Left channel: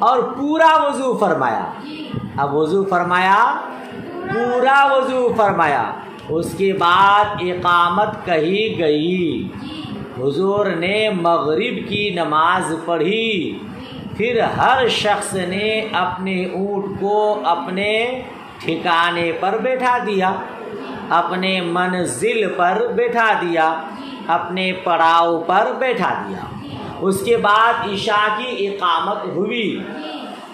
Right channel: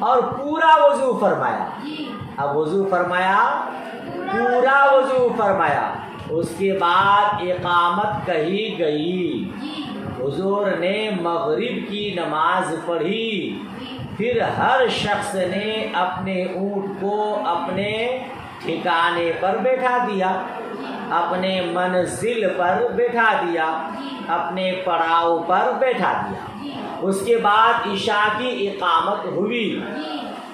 اور پورا وضو فرمایا. اب وضو فرمایا, پورا وضو فرمایا, اس کے بعد اقامت کہی گئی. حضور نے مغرب کی نماز پڑھی. پھر ہر شخص نے اپنے اونٹ کو اپنے ٹھکانے پر بیٹھا دیا, اپنے منزل پر بیٹھا دیا, اپنے پڑاؤ پر بیٹھا دیا. اس کے بعد عشاء کی اقامت ہوئی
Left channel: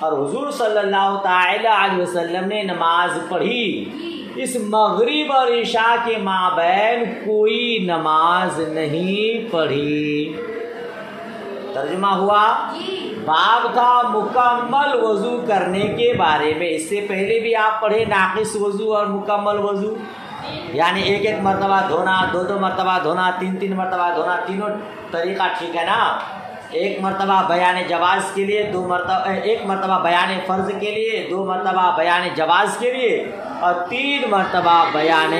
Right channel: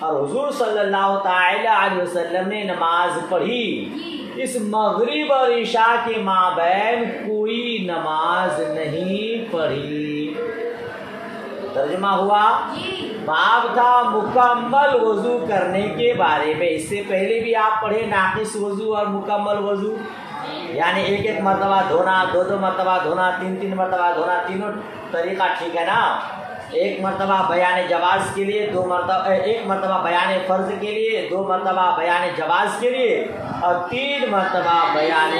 اور حضور صلی اللہ تعالی علیہ وسلم نے نماز پڑھی. اس مغرب اور عشاء کے مابین کوئی نماز نہیں پڑھی. ترجمہ ہوا؟ باب تھا مکمل وضو کرنے کے بارے میں. اس سے پہلے بھی آپ پڑھے ناقص وضو اور مکمل وضو, یعنی ایک ایک مرتبہ دھونا, دو دو مرتبہ دھونا, تین تین مرتبہ دھونا. تینوں طریقہ ٹھیک ہے نا. ایک مرتبہ بیان جواز کے لیے, دو مرتبہ, ایک مرتبہ بیان فرض کے لیے, دو مرتبہ بیان جواز کے لیے, اور تین مرتبہ بیان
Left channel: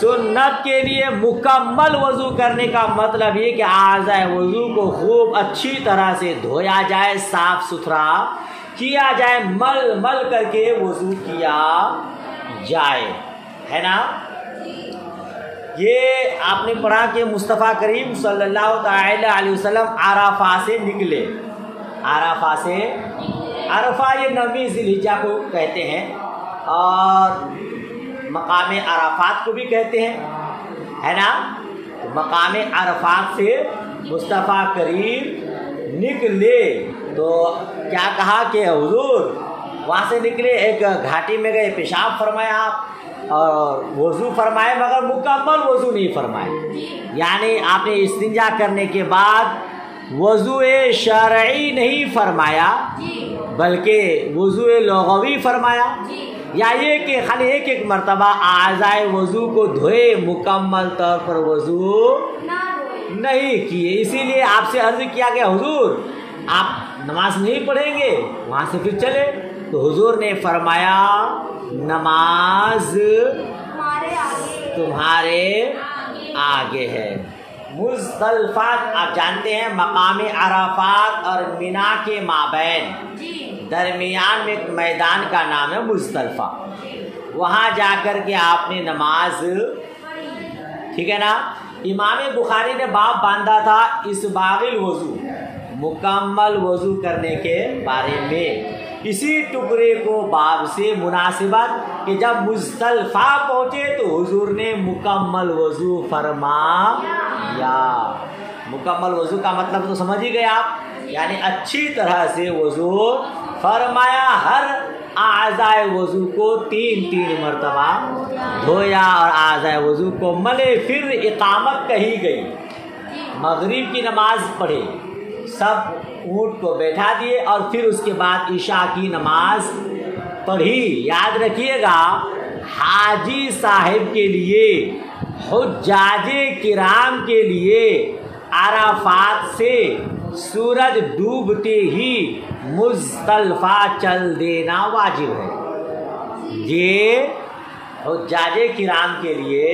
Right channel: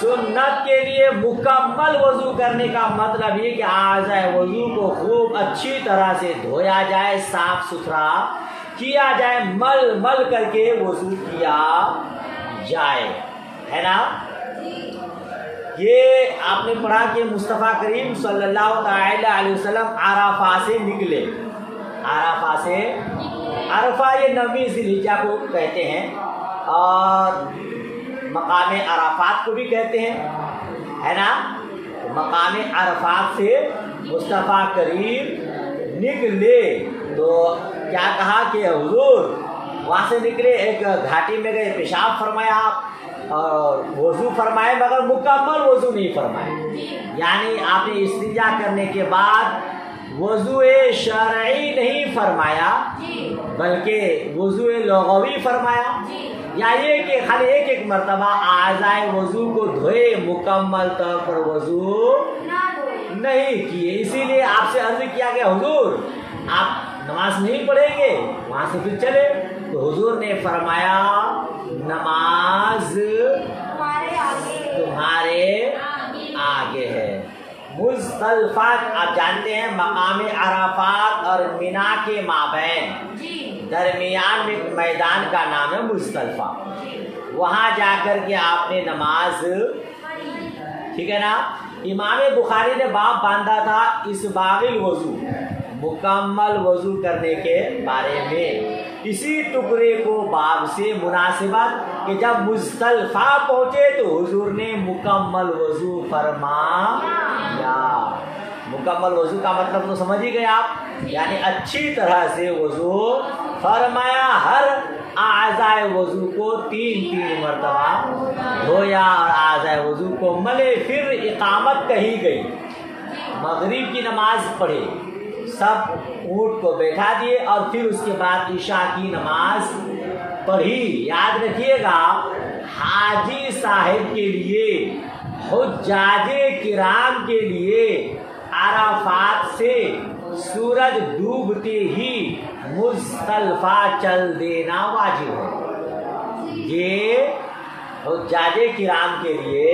سنت کے لیے. مکمل وضو کرنے کا مطلب یہ کہ اعضاء وضو کو خوب اچھی طرح سے دھویا جائے, صاف ستھرا کیا جائے, مل مل کر کے وضو کیا جائے, ہے نا. یہ آپ نے پڑھا کہ مصطفیٰ کریم صلی اللہ تعالی علیہ وسلم عرفہ سے نکلے. عرفہ سے, عرفہ یہ 9ویں ذی الحجہ کو کہتے ہیں اور مقام عرفات کو بھی کہتے ہیں, ہے نا. مقام عرفات سے مصطفیٰ کریم نکلے تو کیا کہا کہ حضور وہاں سے نکلے, ایک گھاٹی میں گئے, پیشاب فرمایا آپ اور وضو فرمائے, مگر مکمل وضو نہیں فرمائے. یعنی آپ نے استنجا کرنے کے بعد وضو شرعی نہیں فرمایا بلکہ وضو لغوی فرمایا, یا یہ کہ خالی ایک ایک مرتبہ اعضائے وضو کو دھوئے, مکمل طور پر وضو نہیں کیے. اسی لیے آپ سے عرض کیا گیا حضور آپ نماز نہیں پڑھیں گے, وہاں سے پھر چلے. تو حضور نے فرمایا نماز تمہارے آگے ہے. مزدلفہ آپ جانتے ہیں مقام عرفات اور مینا کے مابین درمیان میں میدان کا نام ہے مزدلفہ. وہاں جا کر کے آپ نے نماز, ٹھیک ہے نا. امام بخاری نے باب باندھا تھا اسباغ الوضو, مکمل وضو کرنے کے بارے میں. اسی ٹکڑے کو باب سے مناسبت کہ جب مزدلفہ پہنچے تو حضور نے مکمل وضو فرمایا. مکمل وضو کا مطلب تو سمجھ ہی گئے آپ, یعنی اچھی طرح سے وضو فرمایا. ہر اعضائے وضو کو 3 مرتبہ دھویا اور اعضائے وضو کو ملے. پھر اقامت کہی گئی, مغرب کی نماز پڑھی, سب اونٹ کو بیٹھا دیے اور پھر اس کے بعد عشاء کی نماز پڑھی. یاد رکھیے گا حاجی صاحب کے لیے, حجاج کرام کے لیے عرفات سے سورج ڈوبتے ہی مزدلفہ چل دینا واجب ہے. یہ حجاج کرام کے لیے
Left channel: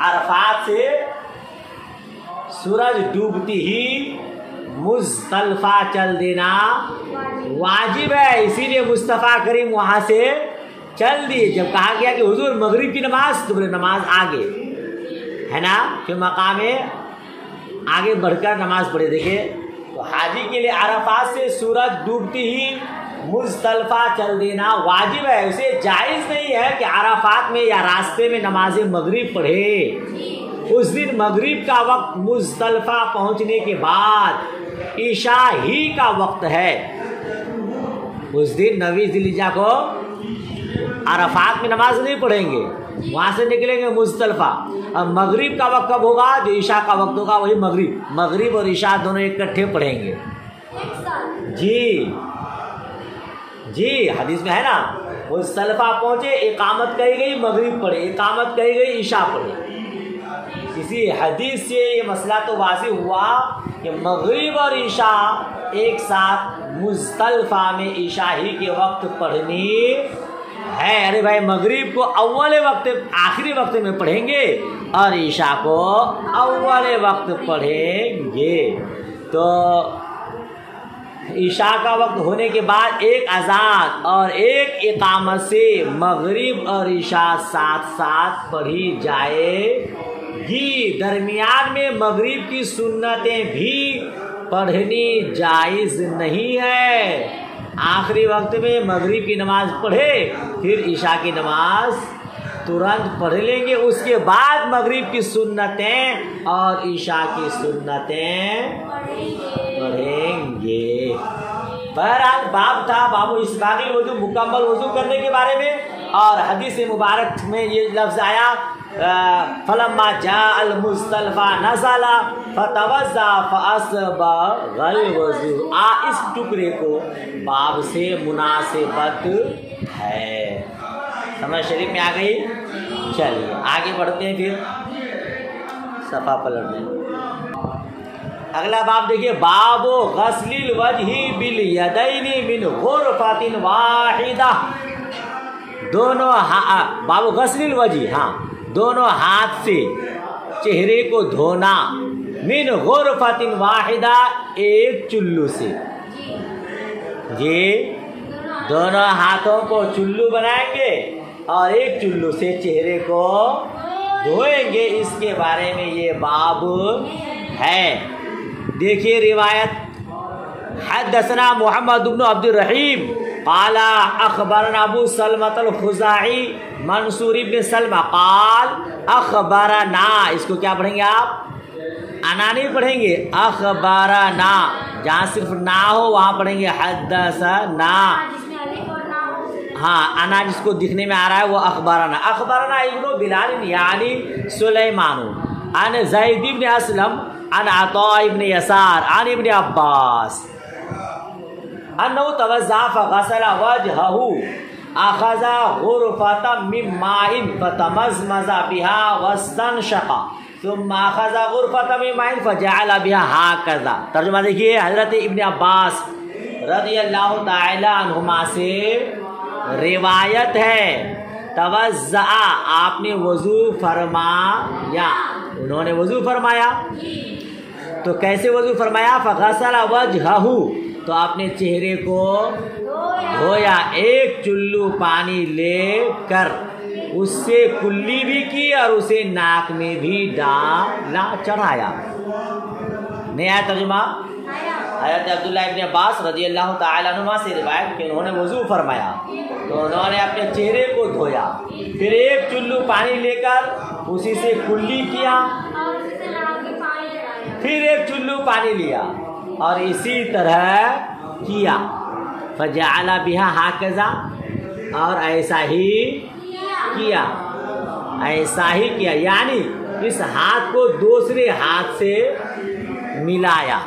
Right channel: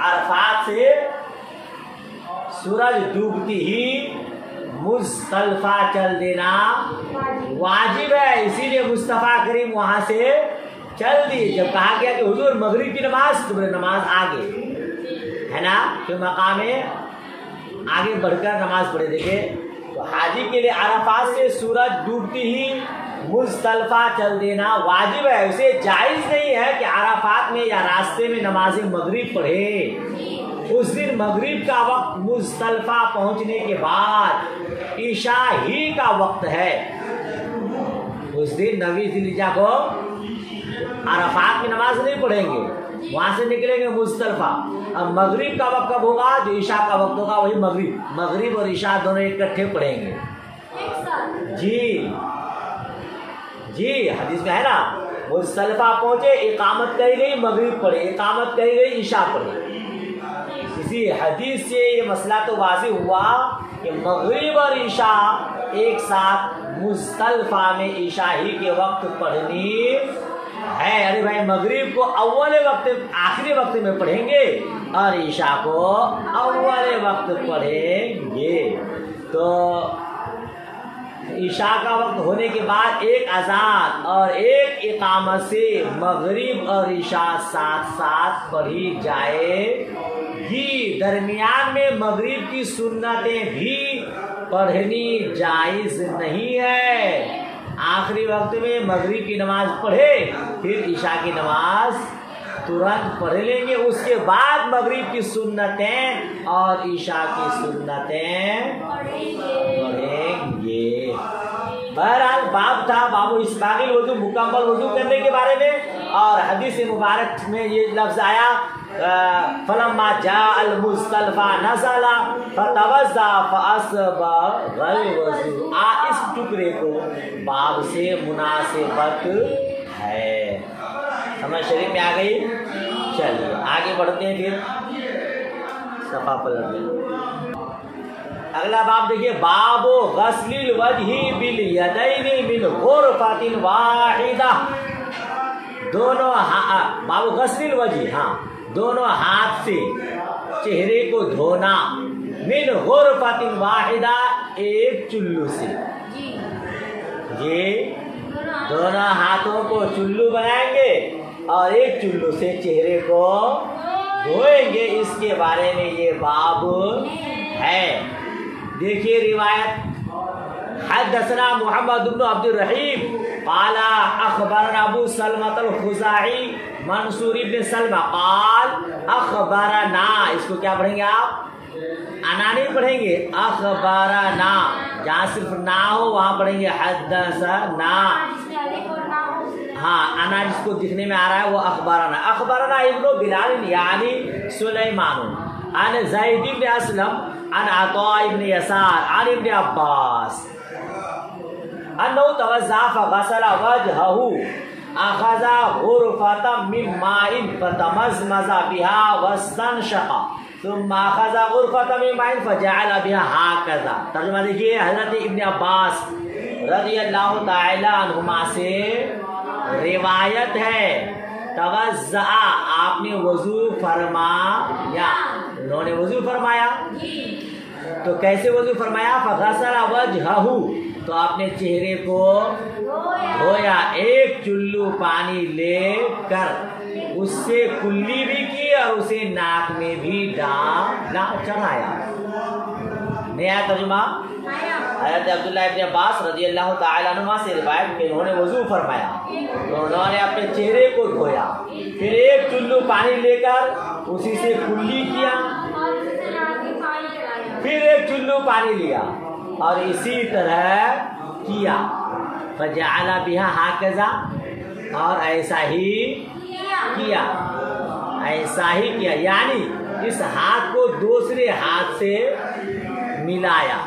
عرفات سے سورج ڈوبتی ہی مزدلفہ چل دینا واجب ہے. اسی لیے مصطفیٰ کریم وہاں سے چل دیے. جب کہا گیا کہ حضور مغرب کی نماز, تو نماز آگے ہے نا, کہ مقام آگے بڑھ کر نماز پڑھے. دیکھیں تو حاجی کے لیے عرفات سے سورج ڈوبتی ہی مزدلفہ چل دینا واجب ہے. اسے جائز نہیں ہے کہ عرفات میں یا راستے میں نماز مغرب پڑھے. اس دن مغرب کا وقت مزدلفہ پہنچنے کے بعد عشاء ہی کا وقت ہے. اس دن 9ویں ذی الحجہ کو عرفات میں نماز نہیں پڑھیں گے, وہاں سے نکلیں گے مزدلفہ. اب مغرب کا وقت کب ہوگا؟ جو عشاء کا وقت ہوگا وہی مغرب اور عشاء دونوں اکٹھے پڑھیں گے. جی حدیث میں ہے نا, مزدلفہ پہنچے, اقامت کہی گئی, مغرب پڑھے, اقامت کہی گئی, عشاء پڑھے. اسی حدیث سے یہ مسئلہ تو واضح ہوا کہ مغرب اور عشاء ایک ساتھ مزدلفہ میں عشاء ہی کے وقت پڑھنی ہے. ارے بھائی مغرب کو اول وقت آخری وقت میں پڑھیں گے اور عشاء کو اول وقت پڑھیں گے. تو عشاء کا وقت ہونے کے بعد ایک اذان اور ایک اقامت سے مغرب اور عشاء ساتھ ساتھ پڑھی جائے گی۔ درمیان میں مغرب کی سنتیں بھی پڑھنی جائز نہیں ہے۔ آخری وقت میں مغرب کی نماز پڑھے پھر عشاء کی نماز ترنت پڑھ لیں گے، اس کے بعد مغرب کی سنتیں اور عشاء کی سنتیں پڑھیں گے۔ بہرحال باب تھا باب اسباغ الوضو، مکمل وضو کرنے کے بارے میں، اور حدیث مبارک میں یہ لفظ آیا فلما جاء المزدلفہ نزل فتوضا فاسبغ الوضو۔ اس ٹکڑے کو باب سے مناسبت ہے، سمجھ شریف میں آ گئی۔ چلیے آگے بڑھتے ہیں، پھر صفحہ پلٹ دیں۔ اگلا باب دیکھیے، باب غسل الوجہ بالیدین من غرفۃ واحدہ۔ دونوں باب غسل الوجہ، دونوں ہاتھ سے چہرے کو دھونا، من غرفۃ واحدہ، ایک چلو سے۔ یہ دونوں ہاتھوں کو چلو بنائیں گے اور ایک چلو سے چہرے کو دھوئیں گے، اس کے بارے میں یہ باب ہے۔ دیکھیے روایت، حدثنا محمد بن عبد الرحیم قال اخبرنا ابو سلمۃ الخزاعی منصور ابن سلمہ قال اخبرنا، اس کو کیا پڑھیں گے آپ؟ انا نہیں پڑھیں گے، اخبرنا، جہاں صرف نا ہو وہاں پڑھیں گے حدثنا۔ انا جس کو دکھنے میں آ رہا ہے وہ اخبرنا۔ اخبرنا ابن بلال یعنی سلیمان عن زید بن اسلم عن عطاء بن یسار عن ابن عباس انه توضا فغسل وجهه اخذ غرفة من ماء فتمزمز بها واستنشق ثم اخذ غرفة من ماء فجعل بها هكذا۔ ترجمہ دیکھیے، حضرت ابن عباس رضی اللہ تعالی عنہما سے روایت ہے، توضا، آپ نے وضو فرمایا، انہوں نے وضو فرمایا، تو کیسے وضو فرمایا؟ فغسل وجہہ، تو آپ نے چہرے کو دھویا ایک چلو پانی لے کر، اس سے کلی بھی کی اور اسے ناک میں بھی ڈالا، چڑھایا۔ نیا ترجمہ، حضرت عبداللہ ابن عباس رضی اللہ تعالیٰ عنہ سے روایت کہ انہوں نے وضو فرمایا، انہوں نے اپنے چہرے کو دھویا، پھر ایک چلو پانی لے کر اسی سے کلی کیا، پھر ایک چلو پانی لیا اور اسی طرح کیا، فجعل بها هكذا، اور ایسا ہی کیا، ایسا ہی کیا، یعنی اس ہاتھ کو دوسرے ہاتھ سے ملایا،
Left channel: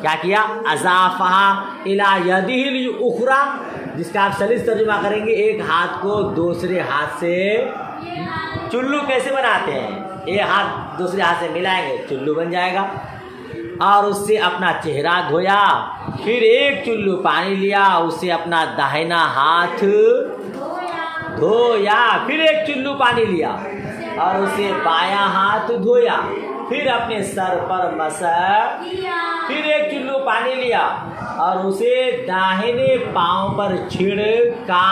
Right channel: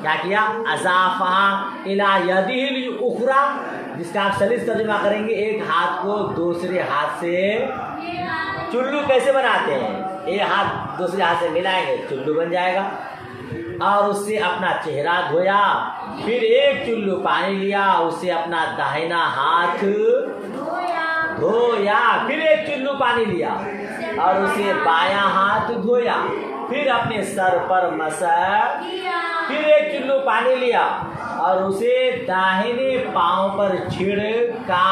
کیا کیا؟ اضافہ الی یدہ الاخری، جس کا آپ سلیس ترجمہ کریں گے، ایک ہاتھ کو دوسرے ہاتھ سے، چلو کیسے بناتے ہیں؟ ایک ہاتھ دوسرے ہاتھ سے ملائیں گے چلو بن جائے گا، اور اس سے اپنا چہرہ دھویا، پھر ایک چلو پانی لیا، اس سے اپنا داہنا ہاتھ دھویا، پھر ایک چلو پانی لیا اور اسے بایاں ہاتھ دھویا، پھر اپنے سر پر مسح، پھر ایک چلو پانی لیا اور اسے داہنے پاؤں پر چھڑکا،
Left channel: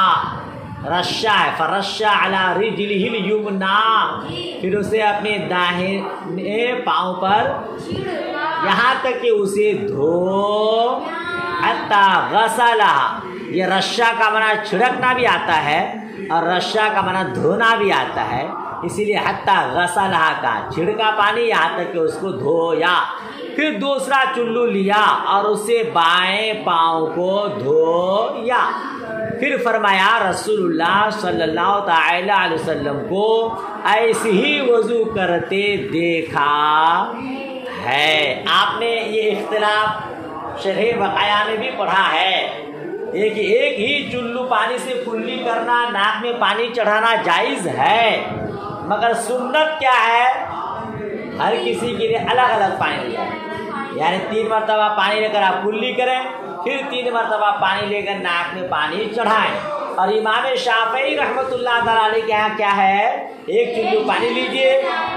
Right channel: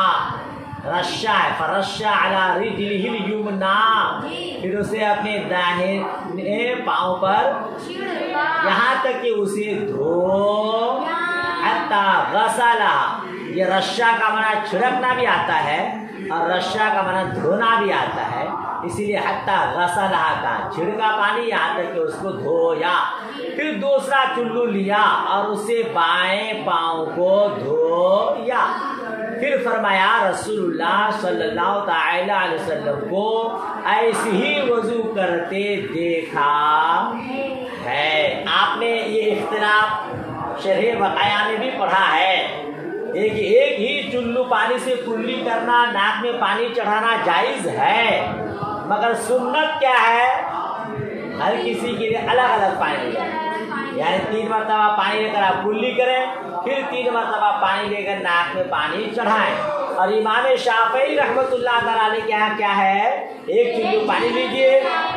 رشا ہے، فرشا علی رجلہ الیمنی، پھر اسے اپنے داہنے پاؤں پر یہاں تک کہ اسے دھو، حتی غسلہ، یہ رشا کا معنی چھڑکنا بھی آتا ہے اور رشا کا معنی دھونا بھی آتا ہے، اسی لیے حتی غسلہ کا چھڑکا پانی، یہاں تک کہ اس کو دھویا، پھر دوسرا چلو لیا اور اسے بائیں پاؤں کو دھویا، پھر فرمایا رسول اللہ صلی اللہ تعالی علیہ وسلم کو ایسے ہی وضو کرتے دیکھا ہے۔ آپ نے یہ اختلاف شرح بقایا میں بھی پڑھا ہے، ایک ہی چلو پانی سے کلی کرنا، ناک میں پانی چڑھانا جائز ہے، مگر سنت کیا ہے؟ ہر کسی کے لیے الگ الگ پانی لیا، یعنی 3 مرتبہ پانی لے کر آپ کلی کریں، پھر 3 مرتبہ پانی لے کر ناک میں پانی چڑھائیں۔ اور امام شافعی رحمۃ اللہ تعالیٰ علیہ کے یہاں کیا ہے؟ ایک چلو پانی لیجئے،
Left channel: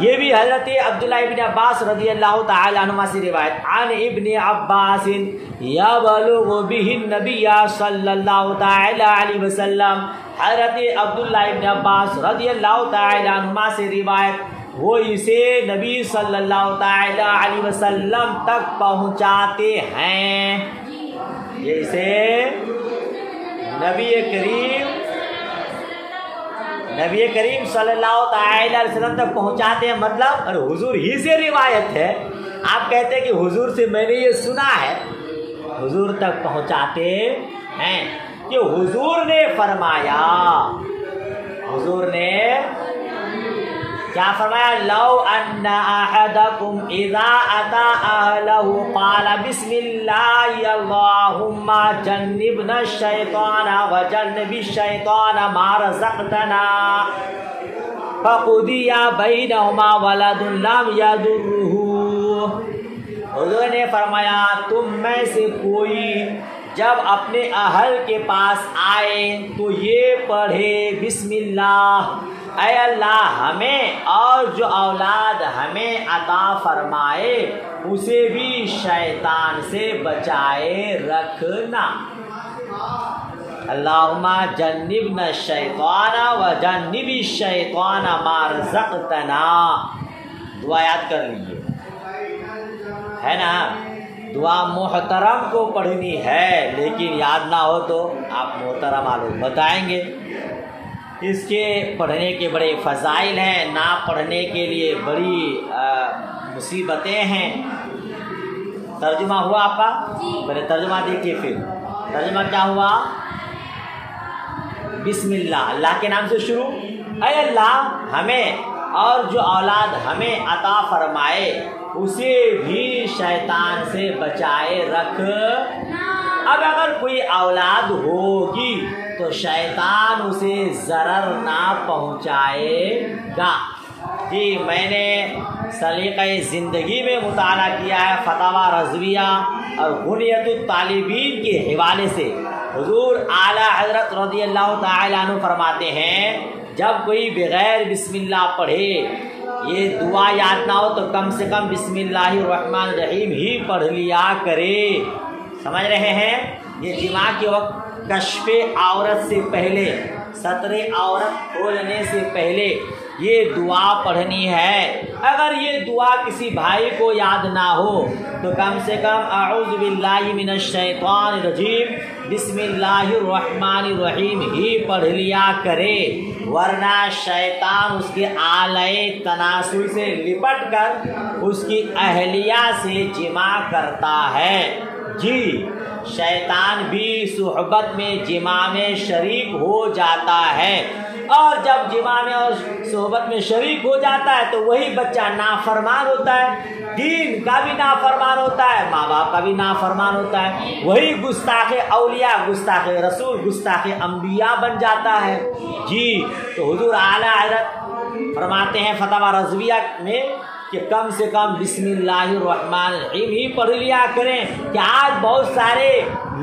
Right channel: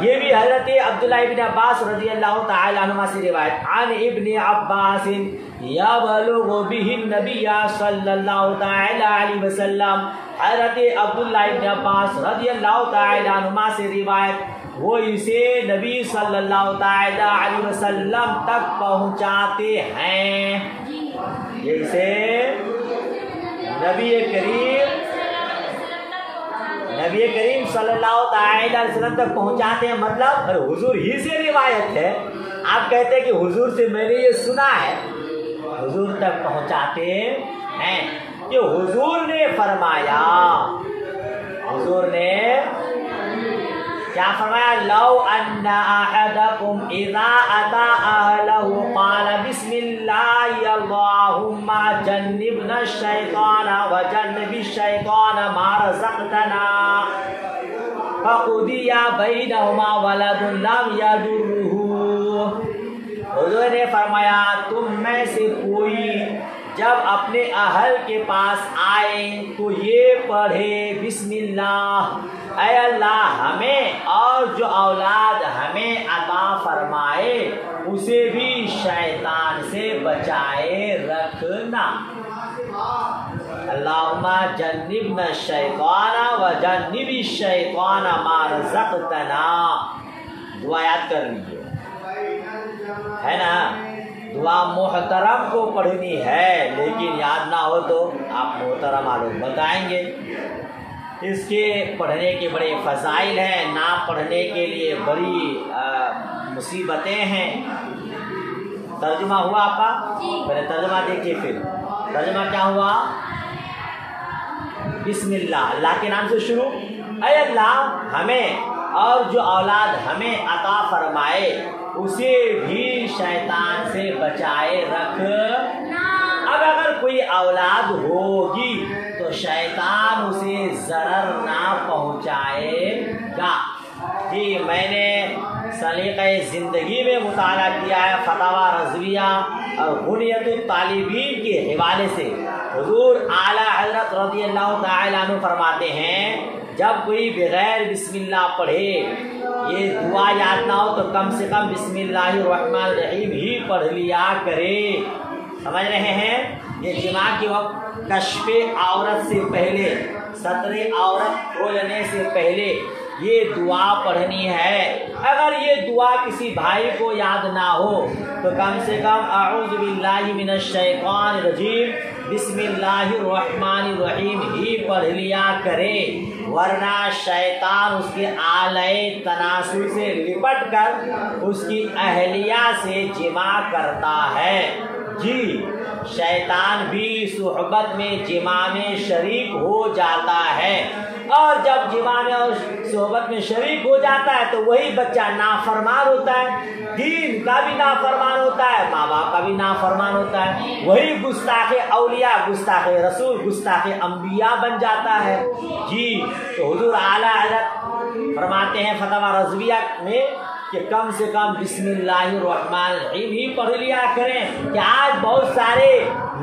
یہ بھی حضرت عبداللہ ابن عباس رضی اللہ تعالی عنہما سے روایت عن ابن عباس یبلغ به النبی صلی اللہ تعالی علیہ وسلم، حضرت عبداللہ ابن عباس رضی اللہ تعالی عنہما سے روایت، وہ اسے نبی صلی اللہ تعالی علیہ وسلم تک پہنچاتے ہیں، یہ اسے نبی کریم صلی اللہ تعالی علیہ وسلم تک پہنچاتے ہیں، مطلب حضور ہی سے روایت ہے، آپ کہتے ہیں کہ حضور سے میں نے یہ سنا ہے، حضور تک پہنچاتے ہیں کہ حضور نے فرمایا، حضور نے کیا فرمایا؟ لو ان احدکم اذا اتی اہلہ قال بسم اللہ اللہم جنبنا الشیطان وجنب الشیطان ما رزقتنا فقضی بینہما ولد لم یضرہ، حضور نے فرمایا تم میں سے کوئی جب اپنے اہل کے پاس آئے تو یہ پڑھے بسم اللہ، اے اللہ ہمیں اور جو اولاد ہمیں عطا فرمائے اسے بھی شیطان سے بچائے رکھنا، اللہم جنبنا الشیطان وجنب الشیطان ما رزقتنا، دعا یاد کر لیجیے، ہے نا؟ دعا محترم کو پڑھنی ہے، لیکن یاد نہ ہو تو آپ محترم معلوم بتائیں گے، اس کے پڑھنے کے بڑے فضائل ہیں، نہ پڑھنے کے لیے بڑی مصیبتیں ہیں۔ ترجمہ ہوا آپ کا؟ پہلے ترجمہ دیکھیے، پھر ترجمہ کیا ہوا؟ بسم اللہ، اللہ کے نام سے شروع، اے اللہ ہمیں اور جو اولاد ہمیں عطا فرمائے اسے بھی شیطان سے بچائے رکھنا، اب اگر کوئی اولاد ہوگی تو شیطان اسے ضرر نہ پہنچائے گا۔ جی میں نے سلیقہ زندگی میں مطالعہ کیا ہے، فتاوی رضویہ اور غنیت الطالبین کے حوالے سے، حضور اعلیٰ حضرت رضی اللہ تعالی عنہ فرماتے ہیں جب کوئی بغیر بسم اللہ پڑھے، یہ دعا یاد نہ ہو تو کم سے کم بسم اللہ الرحمن الرحیم ہی پڑھ لیا کرے، سمجھ رہے ہیں؟ یہ جماع کے وقت کشف عورت سے پہلے، ستر عورت کھولنے سے پہلے یہ دعا پڑھنی ہے۔ اگر یہ دعا کسی بھائی کو یاد نہ ہو تو کم سے کم اعوذ باللہ من الشیطان الرجیم بسم اللہ الرحمن الرحیم ہی پڑھ لیا کرے، ورنہ شیطان اس کے آلے تناسل سے لپٹ کر اس کی اہلیہ سے جماع کرتا ہے۔ جی شیطان بھی صحبت میں جماع میں شریک ہو جاتا ہے، اور جب جماع میں اور صحبت میں شریک ہو جاتا ہے تو وہی بچہ نافرمان ہوتا ہے، دین کا بھی نافرمان ہوتا ہے، ماں باپ کا بھی نافرمان ہوتا ہے، وہی گستاخ اولیاء، گستاخ رسول، گستاخ انبیاء بن جاتا ہے۔ جی تو حضور اعلیٰ حضرت فرماتے ہیں فتاوی رضویہ میں کہ کم سے کم بسم اللہ الرحمن الرحیم ہی پڑھ لیا کریں، کہ آج بہت سارے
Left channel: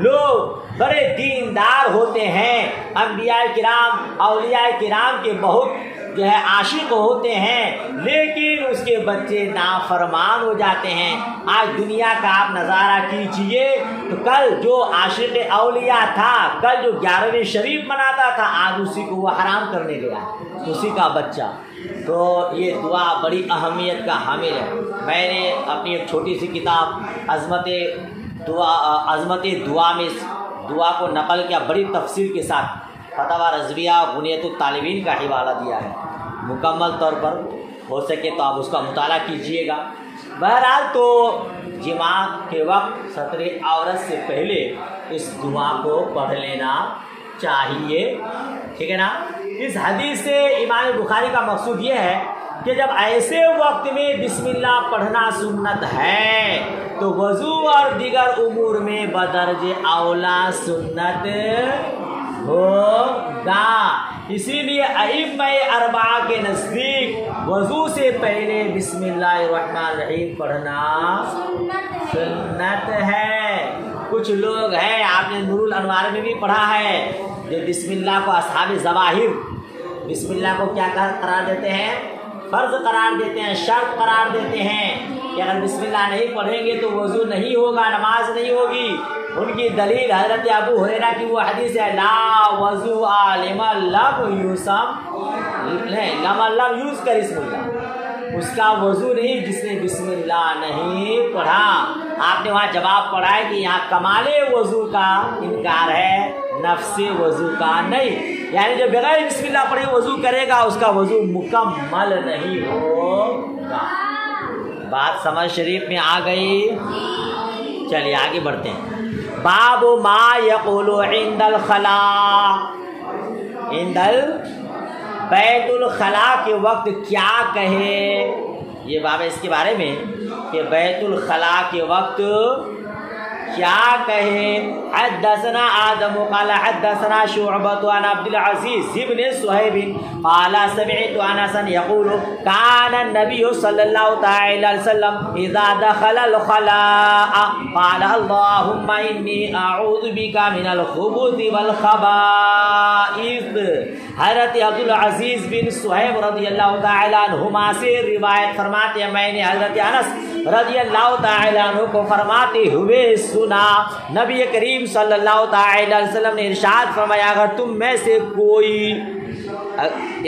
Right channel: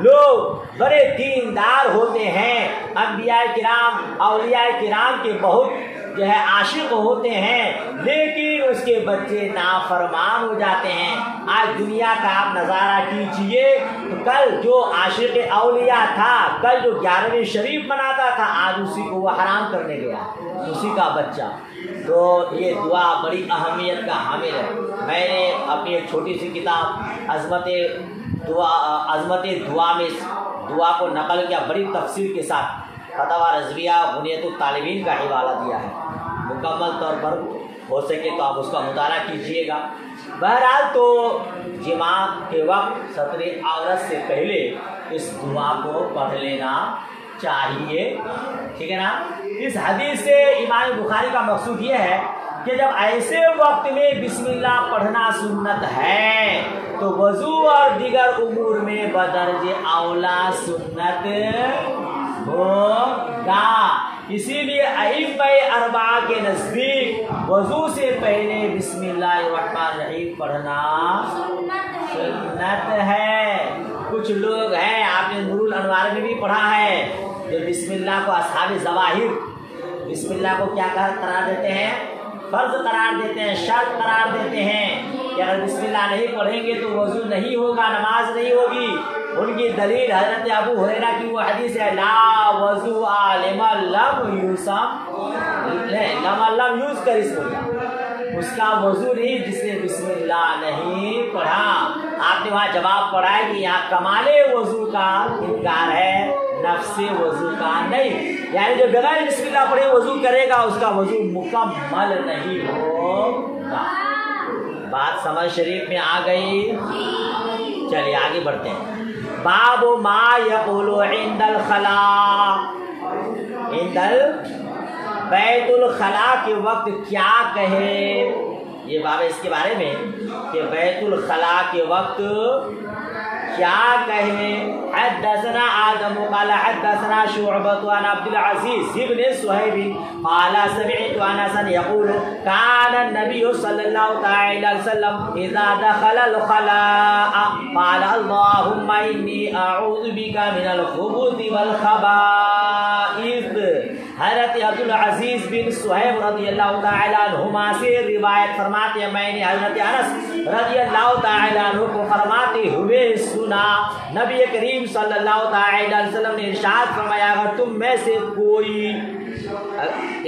لوگ بڑے دیندار ہوتے ہیں، انبیاء کرام اولیاء کرام کے بہت جو ہے عاشق ہوتے ہیں، لیکن اس کے بچے نافرمان ہو جاتے ہیں۔ آج دنیا کا آپ نظارہ کیجئے تو کل جو عاشق اولیاء تھا، کل جو 11ویں شریف مناتا تھا، آج اسی کو وہ حرام کرنے گیا، اسی کا بچہ۔ تو یہ دعا بڑی اہمیت کا حامل ہے۔ میں نے اپنی ایک چھوٹی سی کتاب عظمت دعا میں دعا کو نقل کیا، بڑی تفصیل کے ساتھ فتاوی رضویہ غنیت الطالبین کا حوالہ دیا ہے، مکمل طور پر ہو سکے تو آپ اس کا مطالعہ کیجئے گا۔ بہرحال تو جماع کے وقت ستر عورت سے پہلے اس دعا کو پڑھ لینا چاہیے، ٹھیک ہے نا؟ اس حدیث سے امام بخاری کا مقصود یہ ہے کہ جب ایسے وقت میں بسم اللہ پڑھنا سنت ہے تو وضو اور دیگر امور میں بدرج اولا سنت ہوگا۔ اسی لیے ائمہ اربعہ کے نزدیک وضو سے پہلے بسم اللہ الرحمن الرحیم پڑھنا سنت ہے۔ کچھ لوگ ہیں، آپ نے نور الانوار میں بھی پڑھا ہے، جو بسم اللہ کو اصحاب ظواہر بسم اللہ کو کیا قرار دیتے ہیں؟ فرض قرار دیتے ہیں، شرط قرار دیتے ہیں کہ اگر بسم اللہ نہیں پڑھیں گے تو وضو نہیں ہوگا، نماز نہیں ہوگی۔ ان کی دلیل حضرت ابو ہریرہ کی وہ حدیث ہے لا وضو لمن لم یوز کر اسم اللہ، اس کا وضو نہیں جس نے بسم اللہ نہیں پڑھا۔ آپ نے وہاں جواب پڑھا ہے کہ یہاں کمال وضو کا انکار ہے، نفس وضو کا نہیں، یعنی جو بغیر بسم اللہ پڑھے وضو کرے گا اس کا وضو مکمل نہیں ہوگا۔ بات سمجھ شریف میں آ گئی؟ چلیے آگے بڑھتے ہیں۔ باب ما یقول عند الخلاء، عند بیت الخلاء کے وقت کیا کہے، یہ باب اس کے بارے میں کہ بیت الخلاء کے وقت کیا کہے۔ حدثنا آدم قال حدثنا شعبة عن عبد العزيز بن صہیب قال سمعت انسا يقول كان النبي صلى الله تعالى عليه وسلم اذا دخل الخلاء قال اللهم اني اعوذ بك من الخبث والخبائث۔ حضرت عبدالعزیز بن صہیب رضی اللہ تعالیٰ عنہما سے روایت فرماتے ہیں میں نے حضرت انس رضی اللہ تعالیٰ عنہ کو فرماتے ہوئے سنا، نبی کریم صلی اللہ تعالیٰ علیہ وسلم نے ارشاد فرمایا اگر تم میں سے کوئی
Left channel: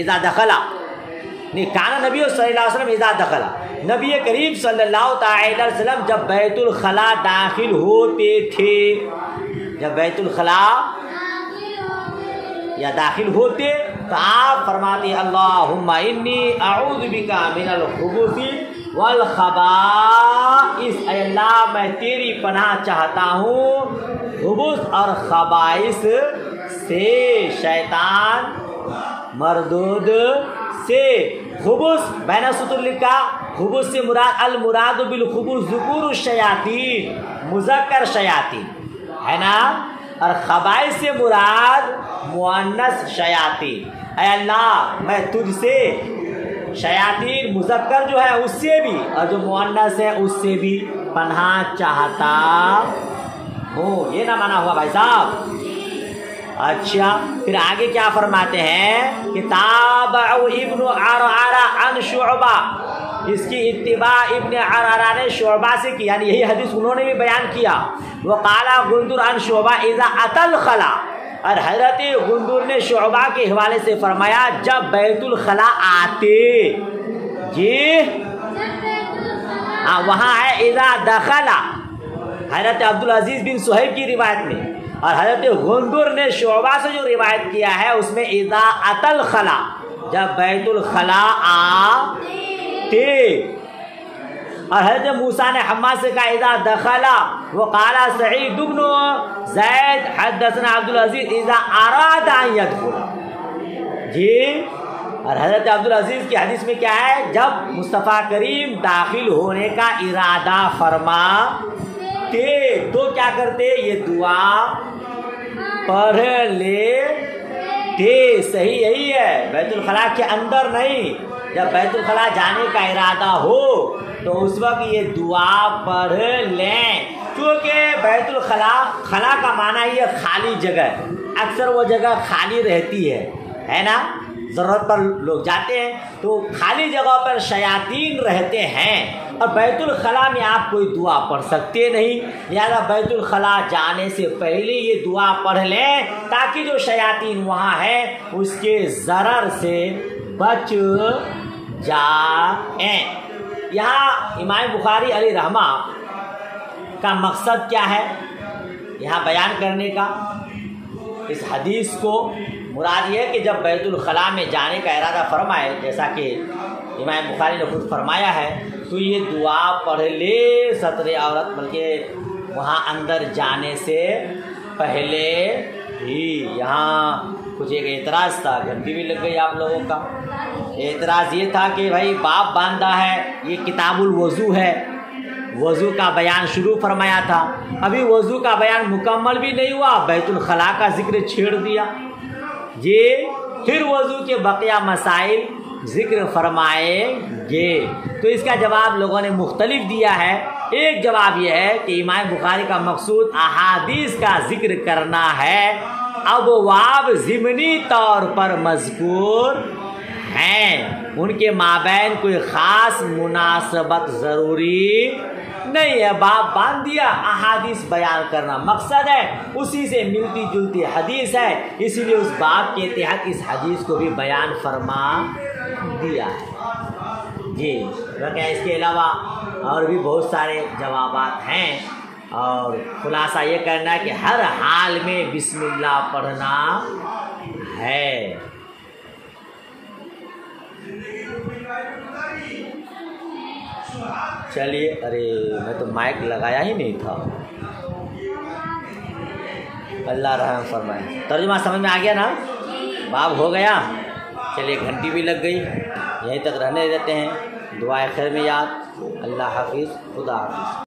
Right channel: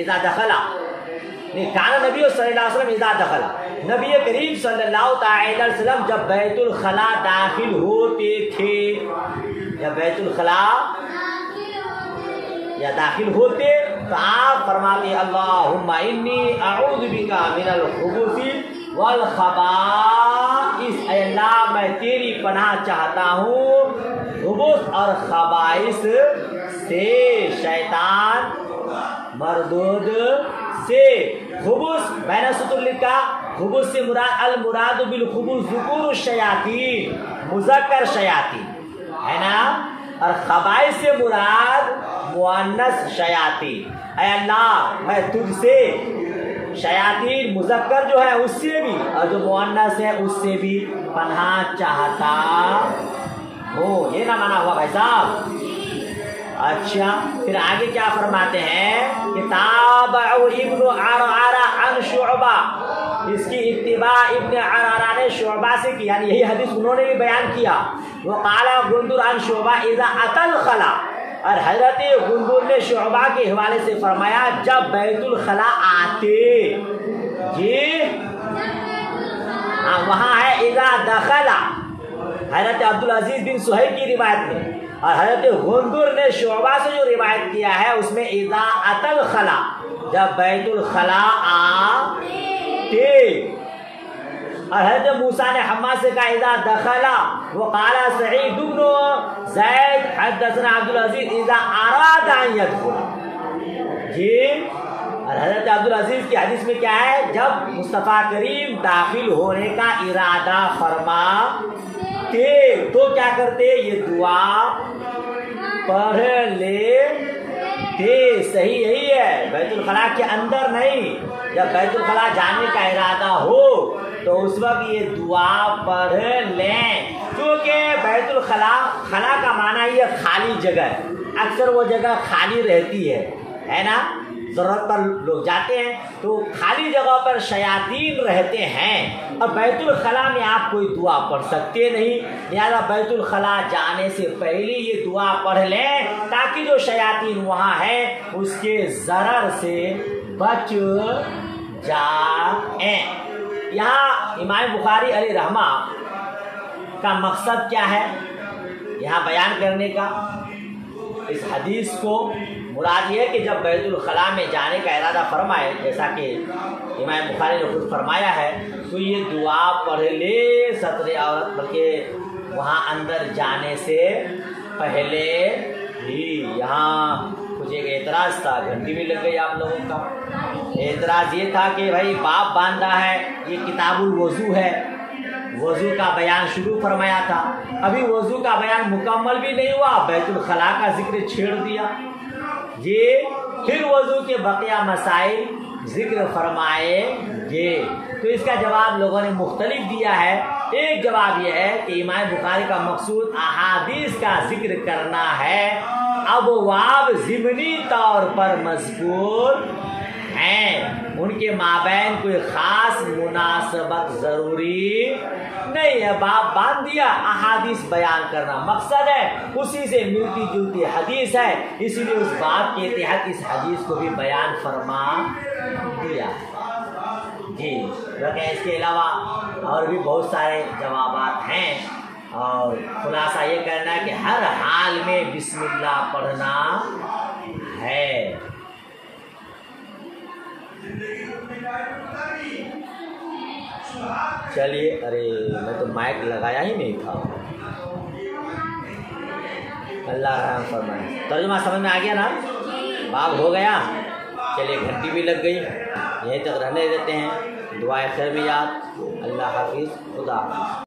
اذا دخلا، کان نبی صلی اللہ علیہ وسلم اذا دخلا، نبی کریم صلی اللہ تعالیٰ علیہ وسلم جب بیت الخلاء داخل ہوتے تھے، جب بیت الخلاء یا داخل ہوتے تو آپ فرماتے اللہم انی اعوذ بک من الخبث والخبائث، اے اللہ میں تیری پناہ چاہتا ہوں خبث اور خبائث سے، شیطان مردود سے۔ خبث بین سطور لکھا، خبث سے مراد المراد بالخبث ذکور الشیاطین، مذکر شیاطین ہے نا، اور خبائث سے مراد مؤنث شیاطین۔ اے اللہ میں تجھ سے شیاطین مذکر جو ہے اس سے بھی اور جو مؤنث ہے اس سے بھی پناہ چاہتا ہوں، یہ نہ مانا ہوا بھائی صاحب۔ اچھا پھر آگے کیا فرماتے ہیں کہ تابعوا ابن عرعرہ عن شعبہ، اس کی اتباع ابن عرعرہ نے شعبہ سے کی، یعنی یہی حدیث انہوں نے بھی بیان کیا۔ وقال غندر عن شعبہ اذا اتى الخلاء، اور حضرت غندر نے شعبہ کے حوالے سے فرمایا جب بیت الخلاء آتے، جی وہاں ہے اذا دخلا، حضرت عبدالعزیز بن صہیب کی روایت میں، اور حضرت غندر نے شعبہ سے جو روایت کیا ہے اس میں اذا اتى الخلاء، جب بیت الخلاء آتے، اور حضرت موسیٰ نے حماد سے کہا اذا دخلا، وقال سعید بن زید حدثنا عبدالعزیز اذا اراد ان يدخل، جی اور حضرت عبدالعزیز کی حدیث میں کیا ہے جب مصطفیٰ کریم داخل ہونے کا ارادہ فرماتے تو کیا کرتے، یہ دعا پڑھ لیتے۔ صحیح یہی ہے، بیت الخلاء کے اندر نہیں، جب بیت الخلاء جانے کا ارادہ ہو تو اس وقت یہ دعا پڑھ لیں، کیونکہ بیت الخلاء، خلا کا معنی یہ خالی جگہ، اکثر وہ جگہ خالی رہتی ہے نا، ضرورت پر لوگ جاتے ہیں تو خالی جگہ پر شیاطین رہتے ہیں، اور بیت الخلاء میں آپ کوئی دعا پڑھ سکتے نہیں، لہذا بیت الخلاء جانے سے پہلے یہ دعا پڑھ لیں تاکہ جو شیاطین وہاں ہے اس کے ضرر سے بچ جائیں۔ یہاں امام بخاری علیہ رحمہ کا مقصد کیا ہے یہاں بیان کرنے کا، اس حدیث کو مراد یہ ہے کہ جب بیت الخلاء میں جانے کا ارادہ فرمائے، جیسا کہ امام بخاری نے خود فرمایا ہے، تو یہ دعا پڑھ لے ستر عورت، بلکہ وہاں اندر جانے سے پہلے ہی۔ یہاں کچھ ایک اعتراض تھا، گھنٹی بھی لگ گئی آپ لوگوں کا۔ اعتراض یہ تھا کہ بھائی باب باندھا ہے، یہ کتاب الوضو ہے، وضو کا بیان شروع فرمایا تھا، ابھی وضو کا بیان مکمل بھی نہیں ہوا، بیت الخلاء کا ذکر چھیڑ دیا، یہ پھر وضو کے بقیہ مسائل ذکر فرمائے گے۔ تو اس کا جواب لوگوں نے مختلف دیا ہے۔ ایک جواب یہ ہے کہ امام بخاری کا مقصود احادیث کا ذکر کرنا ہے، ابواب ضمنی طور پر مذکور ہیں، ان کے مابین کوئی خاص مناسبت ضروری نہیں ہے۔ باب باندھ دیا، احادیث بیان کرنا مقصد ہے، اسی سے ملتی جلتی حدیث ہے، اسی لیے اس باب کے تحت اس حدیث کو بھی بیان فرما دیا ہے۔ جی اس کے علاوہ اور بھی بہت سارے جوابات ہیں، اور خلاصہ یہ کہنا ہے کہ ہر حال میں بسم اللہ پڑھنا ہے۔ چلیے، ارے میں تو مائک لگایا ہی نہیں تھا۔ اللہ رحم فرمائے۔ ترجمہ سمجھ میں آ گیا نا؟ باب ہو گیا۔ چلیے گھنٹی بھی لگ گئی، یہیں تک رہنے دیتے ہیں۔ دعائے خیر میں یاد۔ اللہ حافظ، خدا حافظ۔